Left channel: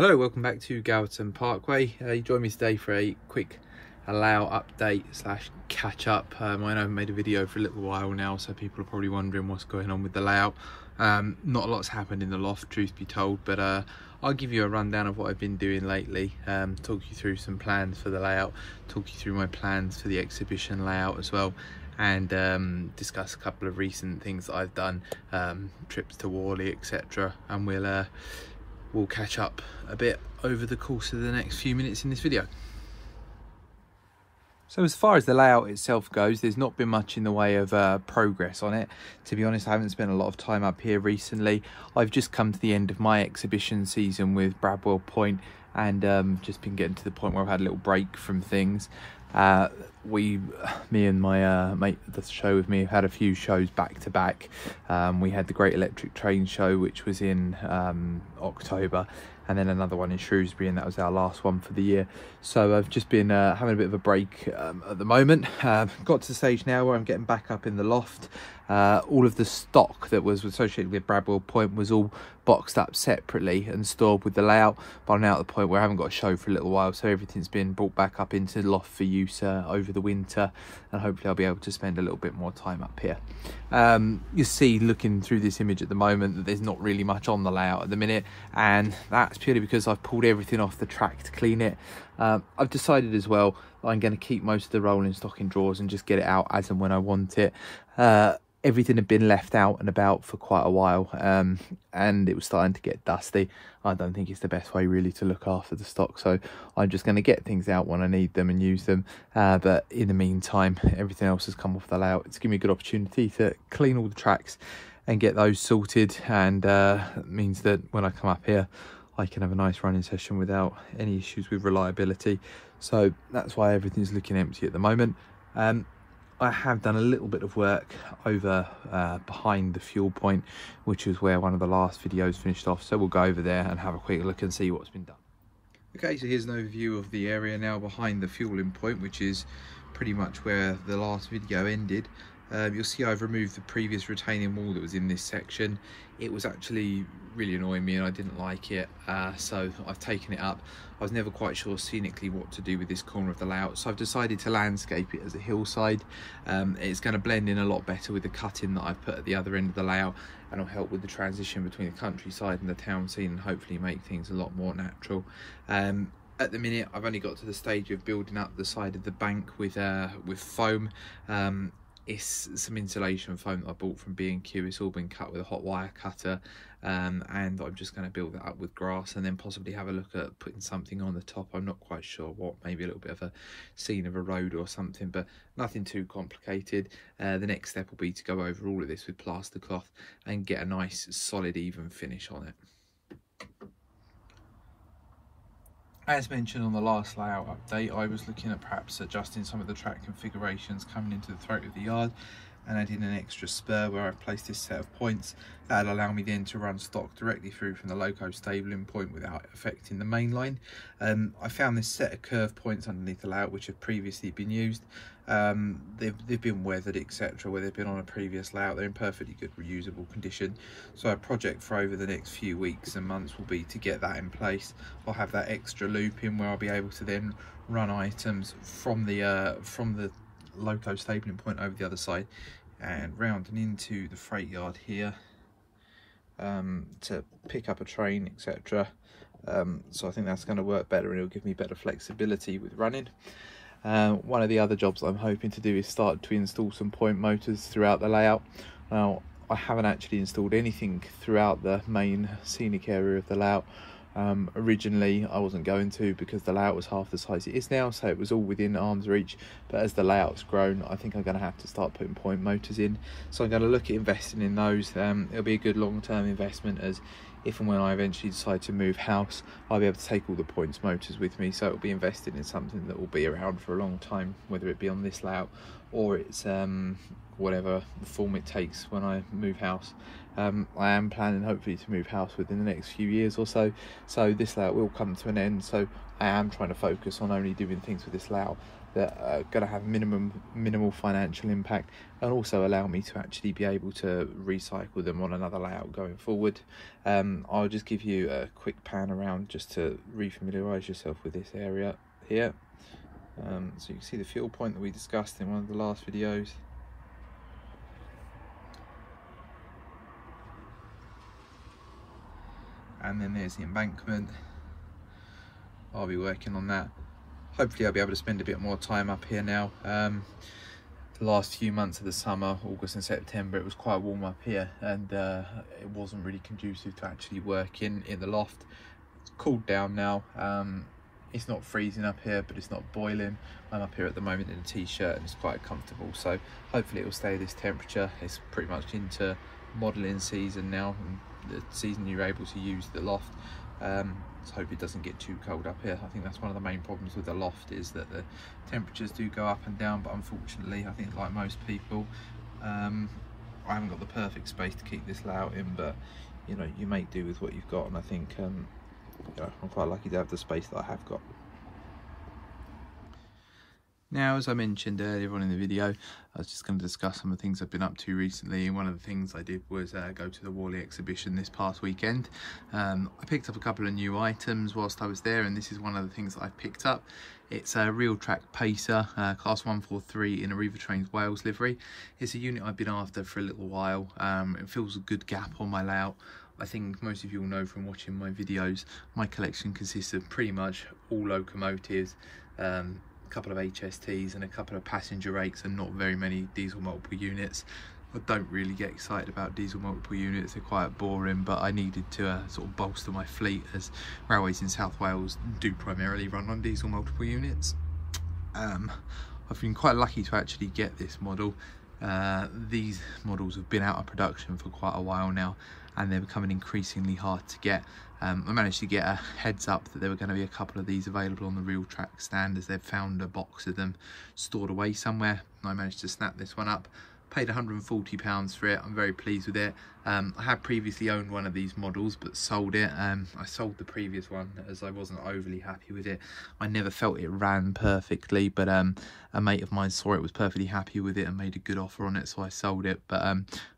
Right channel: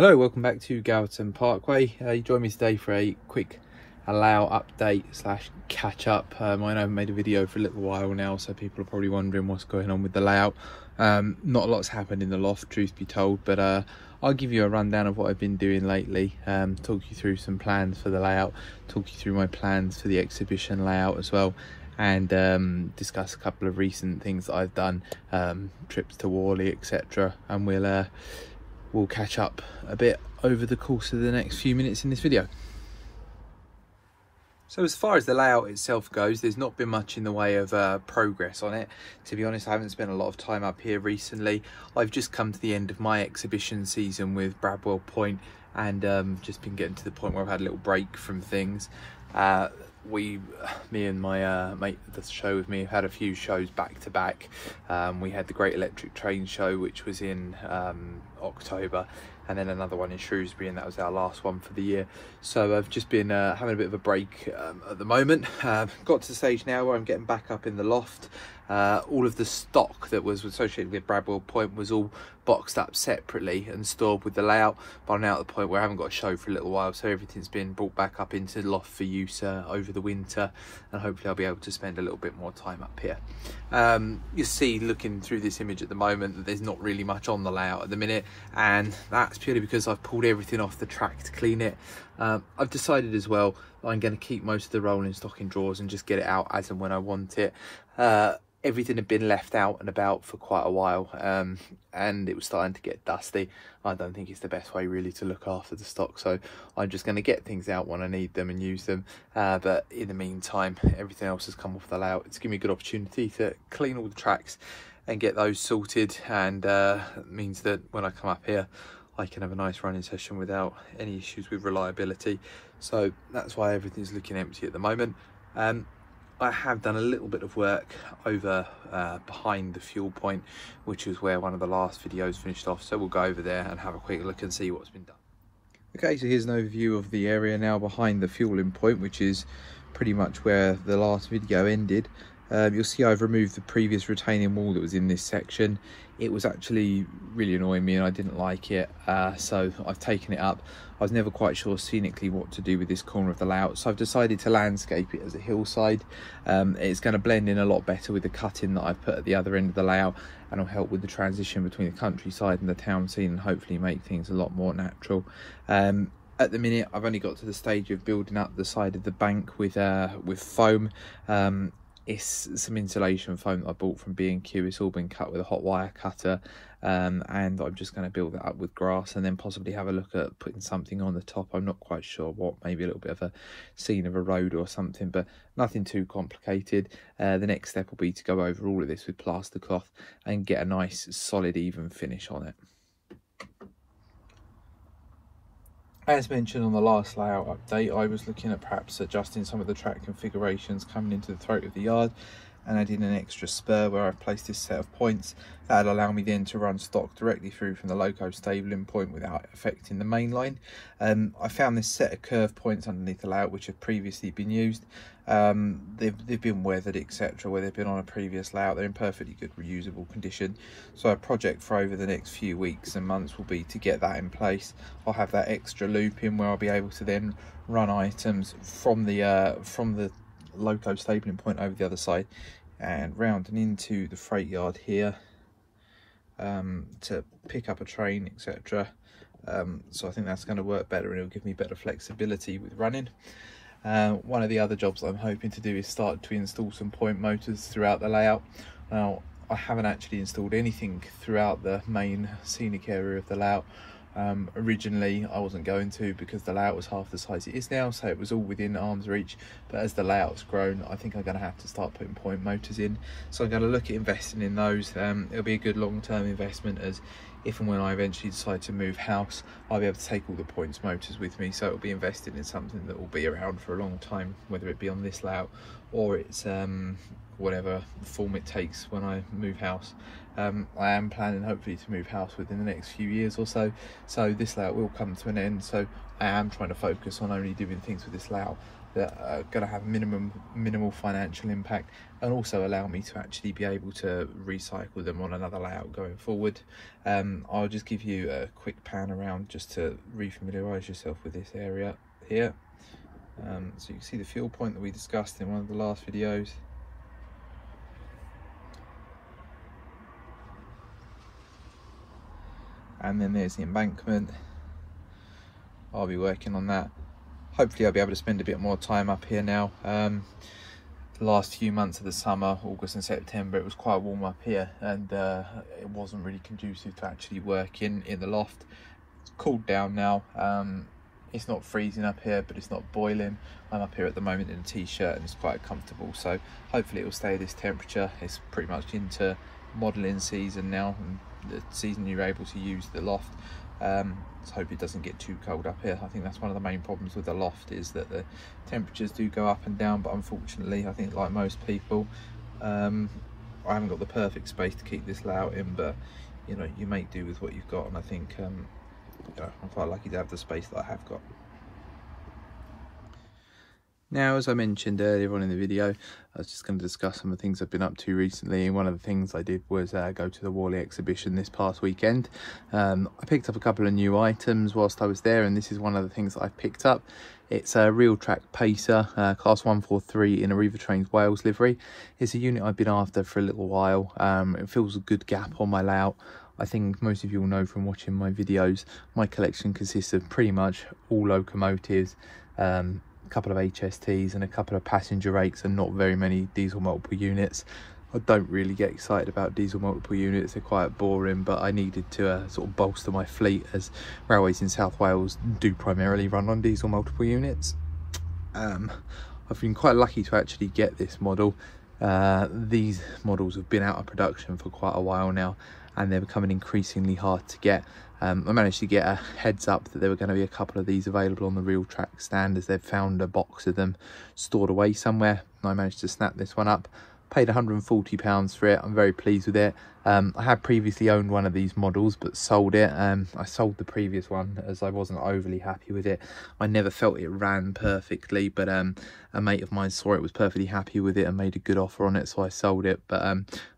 Hello, welcome back to Gowerton Parkway. You join me today for a quick layout update slash catch up. I know I haven't made a video for a little while now, so people are probably wondering what's going on with the layout. Not a lot's happened in the loft, truth be told, but I'll give you a rundown of what I've been doing lately, talk you through some plans for the layout, talk you through my plans for the exhibition layout as well, and discuss a couple of recent things that I've done, trips to Worley, etc. And we'll catch up a bit over the course of the next few minutes in this video. So as far as the layout itself goes, there's not been much in the way of progress on it. To be honest, I haven't spent a lot of time up here recently. I've just come to the end of my exhibition season with Bradwell Point, and just been getting to the point where I've had a little break from things. Me and my mate that does the show with me have had a few shows back to back. We had the Great Electric Train Show, which was in October, and then another one in Shrewsbury, and that was our last one for the year. So I've just been having a bit of a break at the moment. Got to the stage now where I'm getting back up in the loft. All of the stock that was associated with Bradwell Point was all boxed up separately and stored with the layout, but I'm now at the point where I haven't got a show for a little while, so everything's been brought back up into the loft for use over the winter, and hopefully I'll be able to spend a little bit more time up here. You see, looking through this image at the moment, that there's not really much on the layout at the minute, and that's purely because I've pulled everything off the track to clean it. I've decided as well I'm going to keep most of the rolling stock in drawers and just get it out as and when I want it. Everything had been left out and about for quite a while, and it was starting to get dusty. I don't think it's the best way really to look after the stock, so I'm just going to get things out when I need them and use them. But in the meantime, everything else has come off the layout. It's given me a good opportunity to clean all the tracks and get those sorted, and it means that when I come up here I can have a nice running session without any issues with reliability. So that's why everything's looking empty at the moment. I have done a little bit of work over behind the fuel point, which is where one of the last videos finished off, so we'll go over there and have a quick look and see what's been done. Okay, so here's an overview of the area now behind the fueling point, which is pretty much where the last video ended. You'll see I've removed the previous retaining wall that was in this section. It was actually really annoying me and I didn't like it, so I've taken it up. I was never quite sure scenically what to do with this corner of the layout, so I've decided to landscape it as a hillside. It's going to blend in a lot better with the cutting that I've put at the other end of the layout, and will help with the transition between the countryside and the town scene, and hopefully make things a lot more natural. At the minute, I've only got to the stage of building up the side of the bank with foam. It's some insulation foam that I bought from B&Q. It's all been cut with a hot wire cutter, and I'm just going to build that up with grass and then possibly have a look at putting something on the top. I'm not quite sure what, maybe a little bit of a scene of a road or something, but nothing too complicated. The next step will be to go over all of this with plaster cloth and get a nice solid even finish on it. As mentioned on the last layout update, I was looking at perhaps adjusting some of the track configurations coming into the throat of the yard, and I did an extra spur where I've placed this set of points that'll allow me then to run stock directly through from the Loco stabling point without affecting the main line. I found this set of curve points underneath the layout which have previously been used. They've been weathered, etc., where they've been on a previous layout. They're in perfectly good reusable condition, so a project for over the next few weeks and months will be to get that in place. I'll have that extra loop in where I'll be able to then run items from the Loco stabling point over the other side and round and into the freight yard here to pick up a train, etc. So I think that's going to work better, and it'll give me better flexibility with running. One of the other jobs I'm hoping to do is start to install some point motors throughout the layout. Now, I haven't actually installed anything throughout the main scenic area of the layout. Originally I wasn't going to, because the layout was half the size it is now, so it was all within arm's reach, but as the layout's grown I think I'm going to have to start putting point motors in, so I'm going to look at investing in those. It'll be a good long-term investment, as if and when I eventually decide to move house, I'll be able to take all the points motors with me, so it'll be invested in something that will be around for a long time, whether it be on this layout or it's whatever form it takes when I move house. I am planning hopefully to move house within the next few years or so this layout will come to an end, so I am trying to focus on only doing things with this layout that are going to have minimal financial impact, and also allow me to actually be able to recycle them on another layout going forward. I'll just give you a quick pan around just to refamiliarise yourself with this area here. So you can see the fuel point that we discussed in one of the last videos. And then there's the embankment. I'll be working on that. Hopefully I'll be able to spend a bit more time up here now. The last few months of the summer, August and September, it was quite warm up here, and it wasn't really conducive to actually work in the loft. It's cooled down now. It's not freezing up here, but it's not boiling. I'm up here at the moment in a t-shirt and it's quite comfortable, so hopefully it will stay this temperature. It's pretty much into modelling season now, and the season you're able to use the loft. So hope it doesn't get too cold up here. I think that's one of the main problems with the loft, is that the temperatures do go up and down, but unfortunately I think, like most people, I haven't got the perfect space to keep this layout in, but you know, you make do with what you've got, and I think I'm quite lucky to have the space that I have got. Now, as I mentioned earlier on in the video, I was just going to discuss some of the things I've been up to recently, and one of the things I did was go to the Worley exhibition this past weekend. I picked up a couple of new items whilst I was there, and this is one of the things that I've picked up. It's a Real Track Pacer, class 143 in a River Trains Wales livery. It's a unit I've been after for a little while. It fills a good gap on my layout. I think most of you will know from watching my videos, my collection consists of pretty much all locomotives, a couple of HSTs and a couple of passenger rakes, and not very many diesel multiple units. I don't really get excited about diesel multiple units, they're quite boring, but I needed to sort of bolster my fleet, as railways in South Wales do primarily run on diesel multiple units. I've been quite lucky to actually get this model. These models have been out of production for quite a while now, and they're becoming increasingly hard to get. I managed to get a heads up that there were going to be a couple of these available on the Real Track stand, as they've found a box of them stored away somewhere, and I managed to snap this one up. Paid £140 for it. I'm very pleased with it. I had previously owned one of these models but sold it. I sold the previous one as I wasn't overly happy with it. I never felt it ran perfectly, but a mate of mine saw it, was perfectly happy with it and made a good offer on it, so I sold it. But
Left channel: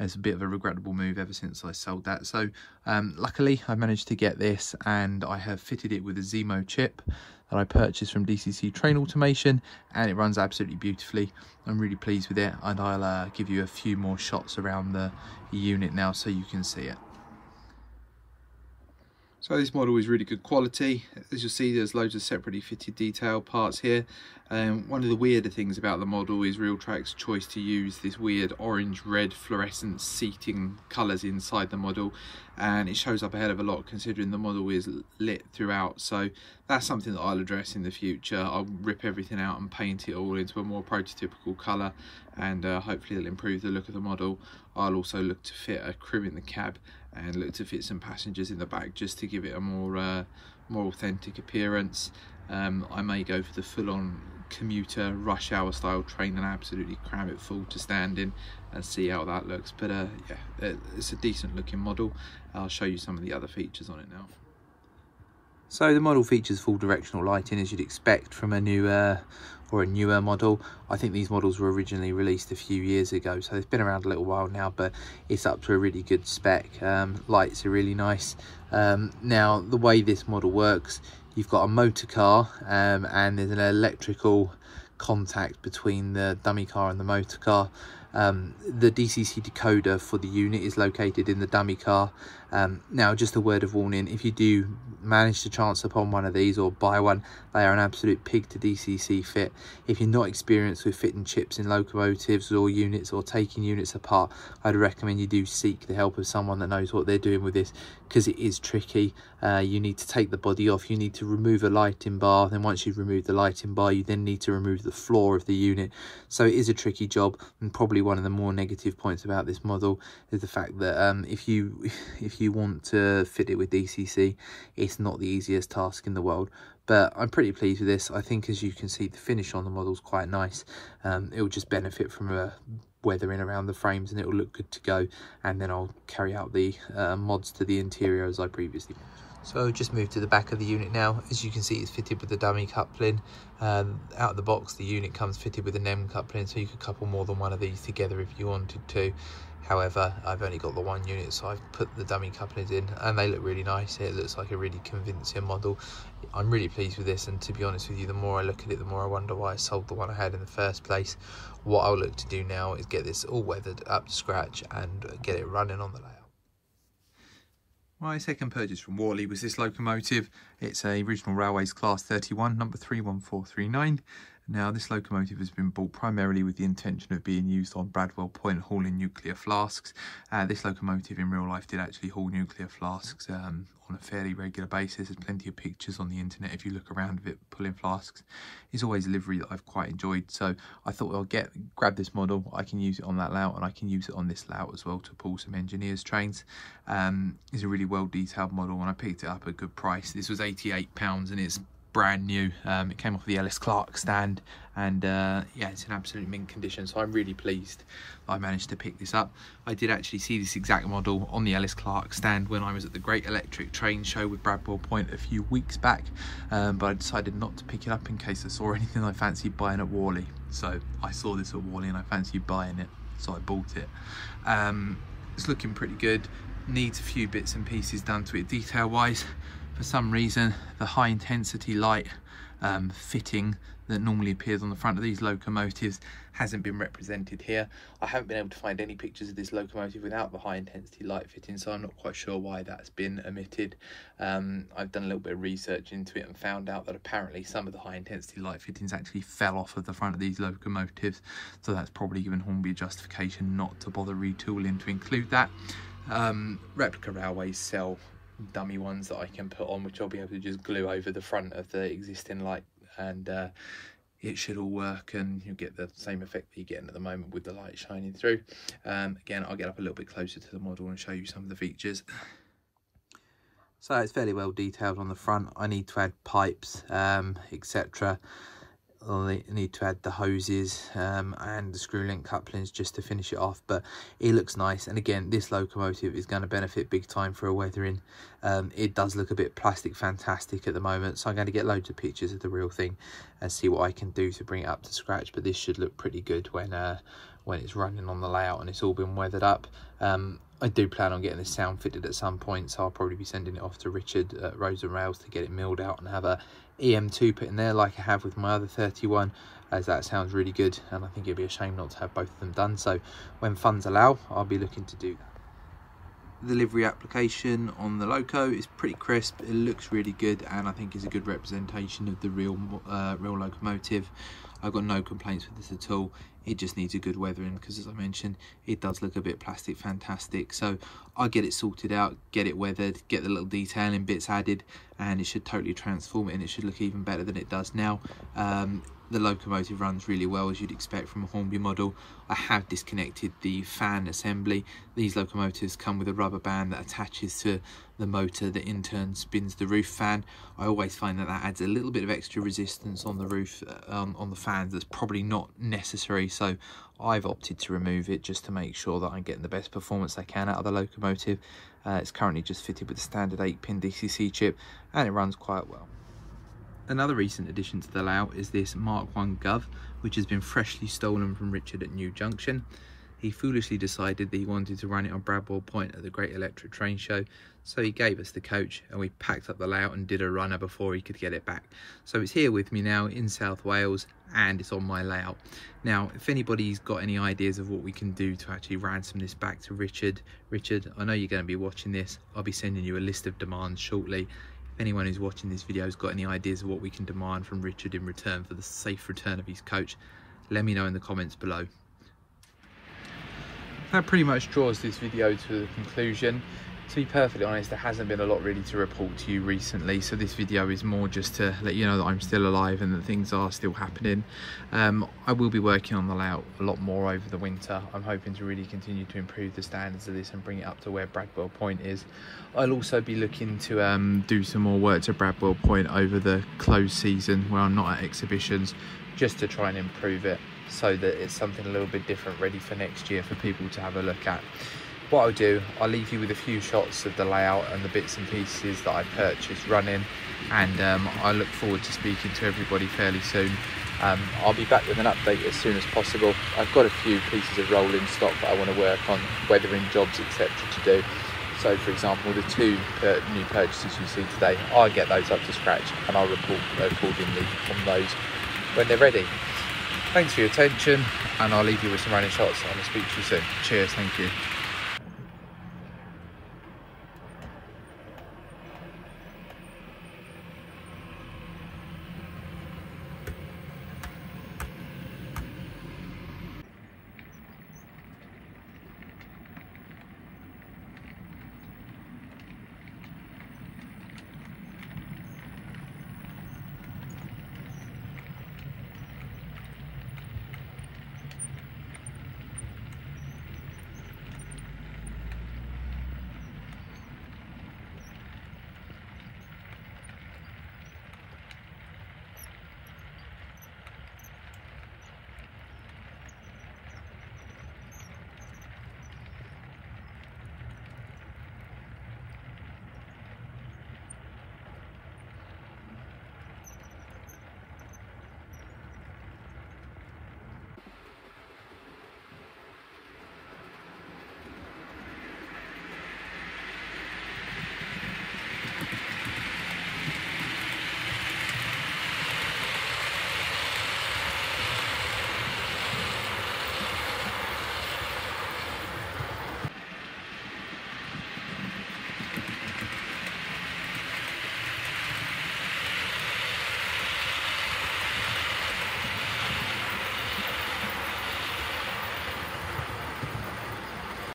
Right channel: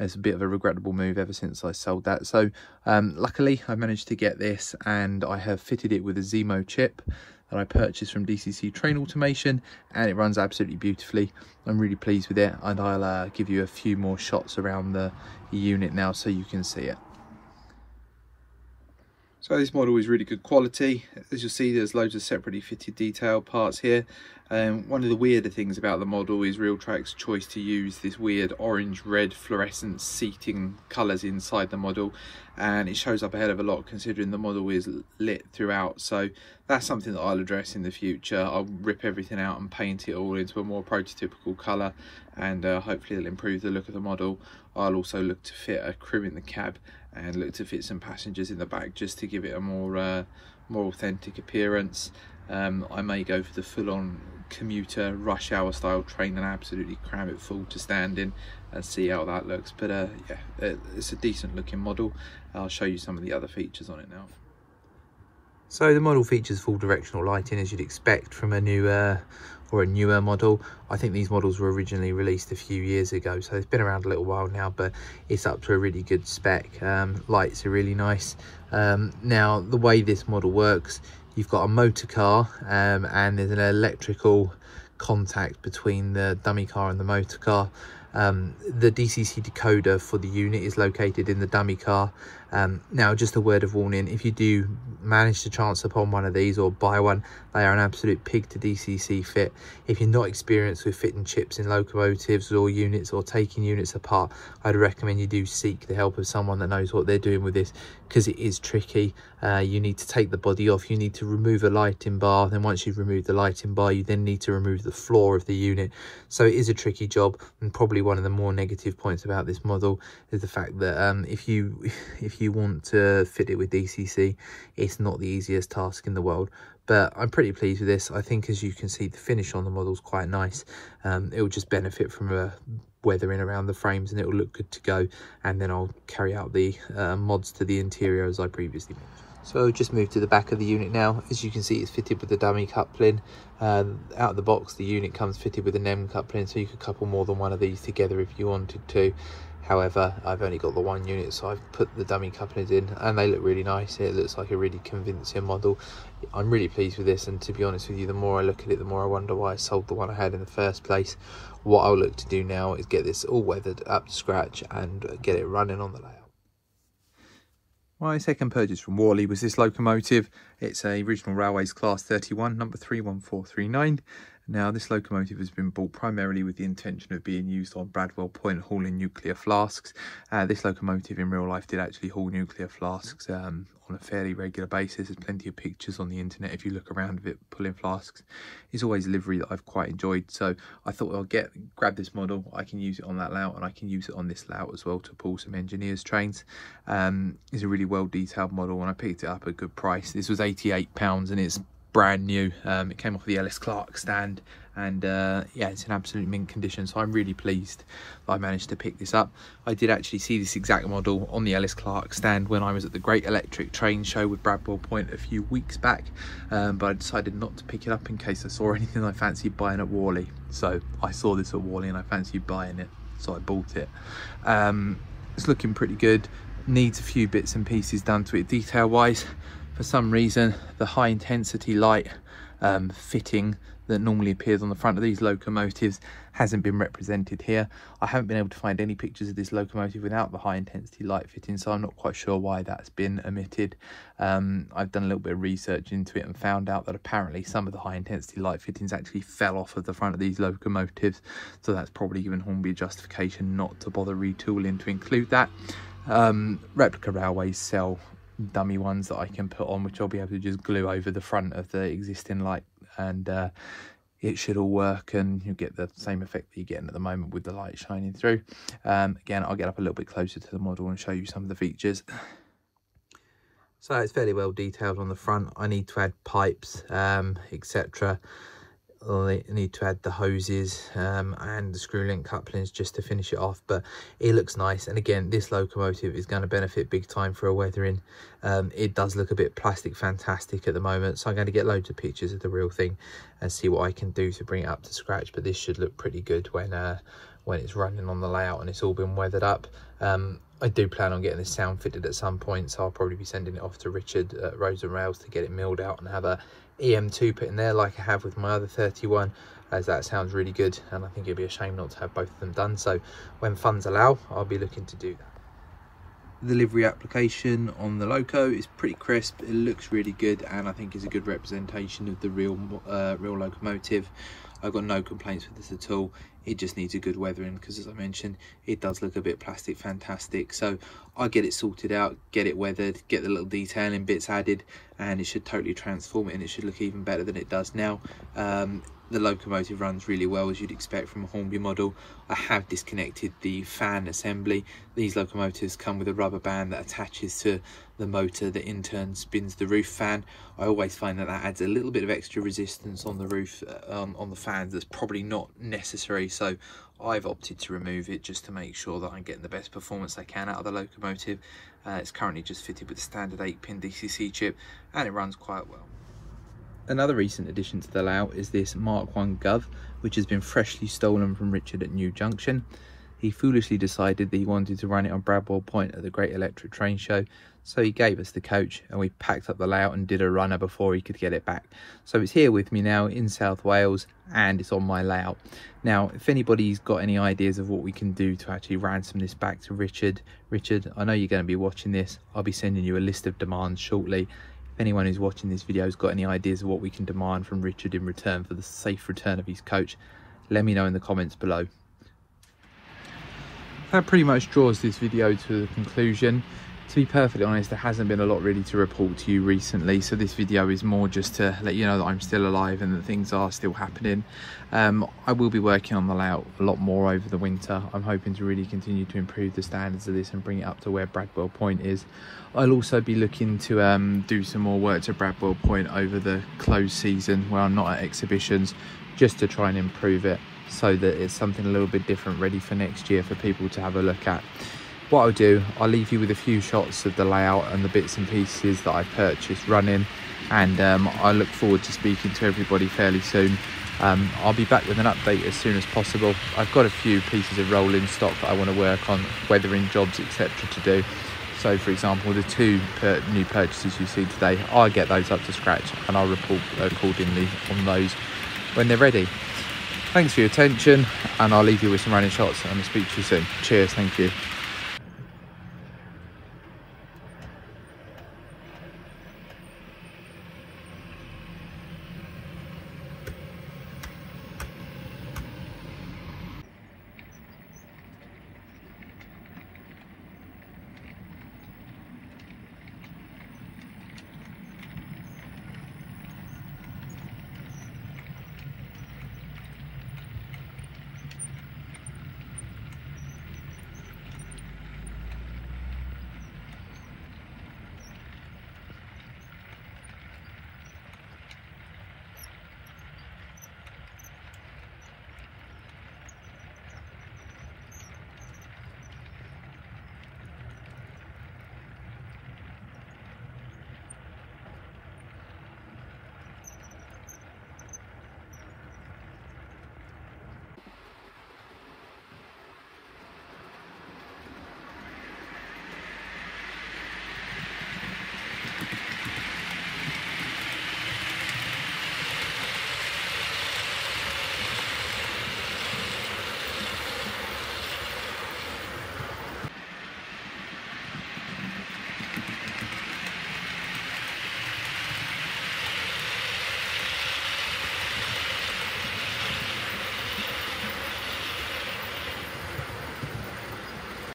it's a bit of a regrettable move ever since I sold that. So luckily I managed to get this, and I have fitted it with a Zemo chip that I purchased from DCC Train Automation, and it runs absolutely beautifully. I'm really pleased with it, and I'll give you a few more shots around the unit now so you can see it. So this model is really good quality. As you'll see, there's loads of separately fitted detail parts here. One of the weirder things about the model is Real Track's choice to use this weird orange-red fluorescent seating colours inside the model, and it shows up a hell of a lot considering the model is lit throughout. So that's something that I'll address in the future. I'll rip everything out and paint it all into a more prototypical colour, and hopefully it'll improve the look of the model. I'll also look to fit a crew in the cab and look to fit some passengers in the back, just to give it a more authentic appearance. I may go for the full-on commuter rush hour style train and absolutely cram it full to stand in and see how that looks. But yeah, it's a decent looking model. I'll show you some of the other features on it now. So the model features full directional lighting, as you'd expect from a new or a newer model. I think these models were originally released a few years ago, so it's been around a little while now, but it's up to a really good spec. Lights are really nice. Now the way this model works, you've got a motor car, and there's an electrical contact between the dummy car and the motor car. The DCC decoder for the unit is located in the dummy car. Now, just a word of warning, if you do manage to chance upon one of these or buy one, they are an absolute pig to DCC fit. If you're not experienced with fitting chips in locomotives or units, or taking units apart, I'd recommend you do seek the help of someone that knows what they're doing with this, because it is tricky. You need to take the body off, you need to remove a lighting bar, then once you've removed the lighting bar, you then need to remove the floor of the unit. So it is a tricky job, and probably one of the more negative points about this model is the fact that if you want to fit it with DCC, it's not the easiest task in the world. But I'm pretty pleased with this. I think, as you can see, the finish on the model is quite nice. It will just benefit from a weathering around the frames, and it will look good to go. And then I'll carry out the mods to the interior as I previously mentioned. So just move to the back of the unit now. As you can see, it's fitted with the dummy coupling. Out of the box, the unit comes fitted with an M coupling, so you could couple more than one of these together if you wanted to. However, I've only got the one unit, so I've put the dummy couplings in, and they look really nice. It looks like a really convincing model. I'm really pleased with this, and to be honest with you, the more I look at it, the more I wonder why I sold the one I had in the first place. What I'll look to do now is get this all weathered up to scratch and get it running on the layout. My second purchase from Worley was this locomotive. It's a Regional Railways Class 31, number 31439. Now, this locomotive has been bought primarily with the intention of being used on Bradwell Point hauling nuclear flasks. This locomotive in real life did actually haul nuclear flasks on a fairly regular basis. There's plenty of pictures on the internet if you look around of it pulling flasks. It's always a livery that I've quite enjoyed, so I thought I'll grab this model. I can use it on that layout, and I can use it on this layout as well to pull some engineers' trains. It's a really well detailed model, and I picked it up at a good price. This was £88 and it's brand new. It came off the Ellis Clark stand, and yeah, it's in absolute mint condition, so I'm really pleased that I managed to pick this up. I did actually see this exact model on the Ellis Clark stand when I was at the Great Electric Train Show with Bradwell Point a few weeks back, but I decided not to pick it up in case I saw anything I fancied buying at Worley. So I saw this at Worley and I fancied buying it, so I bought it. It's looking pretty good. Needs a few bits and pieces done to it detail wise. For some reason, the high intensity light fitting that normally appears on the front of these locomotives hasn't been represented here. I haven't been able to find any pictures of this locomotive without the high intensity light fitting, so I'm not quite sure why that's been omitted. I've done a little bit of research into it and found out that apparently some of the high intensity light fittings actually fell off of the front of these locomotives, so that's probably given Hornby a justification not to bother retooling to include that. Replica railways sell dummy ones that I can put on, which I'll be able to just glue over the front of the existing light, and it should all work, and you'll get the same effect that you're getting at the moment with the light shining through. Again, I'll get up a little bit closer to the model and show you some of the features. So it's fairly well detailed on the front. I need to add pipes, etc. I need to add the hoses and the screw link couplings just to finish it off, but it looks nice. And again, this locomotive is going to benefit big time for a weathering. It does look a bit plastic fantastic at the moment, so I'm going to get loads of pictures of the real thing and see what I can do to bring it up to scratch. But this should look pretty good when it's running on the layout and it's all been weathered up. I do plan on getting this sound fitted at some point, so I'll probably be sending it off to Richard at Roads and Rails to get it milled out and have a EM2 put in there like I have with my other 31, as that sounds really good, and I think it'd be a shame not to have both of them done. So when funds allow, I'll be looking to do that. The livery application on the Loco is pretty crisp. It looks really good, and I think is a good representation of the real locomotive. I've got no complaints with this at all. It just needs a good weathering, because as I mentioned, it does look a bit plastic fantastic. So I'll get it sorted out, get it weathered, get the little detailing bits added, and it should totally transform it, and it should look even better than it does now. The locomotive runs really well, as you'd expect from a Hornby model. I have disconnected the fan assembly. These locomotives come with a rubber band that attaches to the motor that in turn spins the roof fan. I always find that adds a little bit of extra resistance on the roof, on the fans, that's probably not necessary, so I've opted to remove it just to make sure that I'm getting the best performance I can out of the locomotive. It's currently just fitted with a standard 8-pin DCC chip, and it runs quite well. Another recent addition to the layout is this Mark 1 Gov, which has been freshly stolen from Richard at New Junction. He foolishly decided that he wanted to run it on Bradwell Point at the Great Electric Train Show, so he gave us the coach, and we packed up the layout and did a runner before he could get it back. So it's here with me now in South Wales, and it's on my layout. Now, if anybody's got any ideas of what we can do to actually ransom this back to Richard, I know you're going to be watching this. I'll be sending you a list of demands shortly. If anyone who's watching this video has got any ideas of what we can demand from Richard in return for the safe return of his coach, let me know in the comments below. That pretty much draws this video to a conclusion. To be perfectly honest, there hasn't been a lot really to report to you recently, so this video is more just to let you know that I'm still alive and that things are still happening. I will be working on the layout a lot more over the winter. I'm hoping to really continue to improve the standards of this and bring it up to where Bradwell Point is. I'll also be looking to do some more work to Bradwell Point over the closed season where I'm not at exhibitions, just to try and improve it so that it's something a little bit different ready for next year for people to have a look at. what I'll do, I'll leave you with a few shots of the layout and the bits and pieces that I purchased running, and I look forward to speaking to everybody fairly soon. I'll be back with an update as soon as possible. I've got a few pieces of rolling stock that I want to work on, weathering jobs, etc. to do. So for example, the 2 new purchases you see today, I'll get those up to scratch and I'll report accordingly on those when they're ready. Thanks for your attention, and I'll leave you with some running shots, and I'll speak to you soon. Cheers, thank you.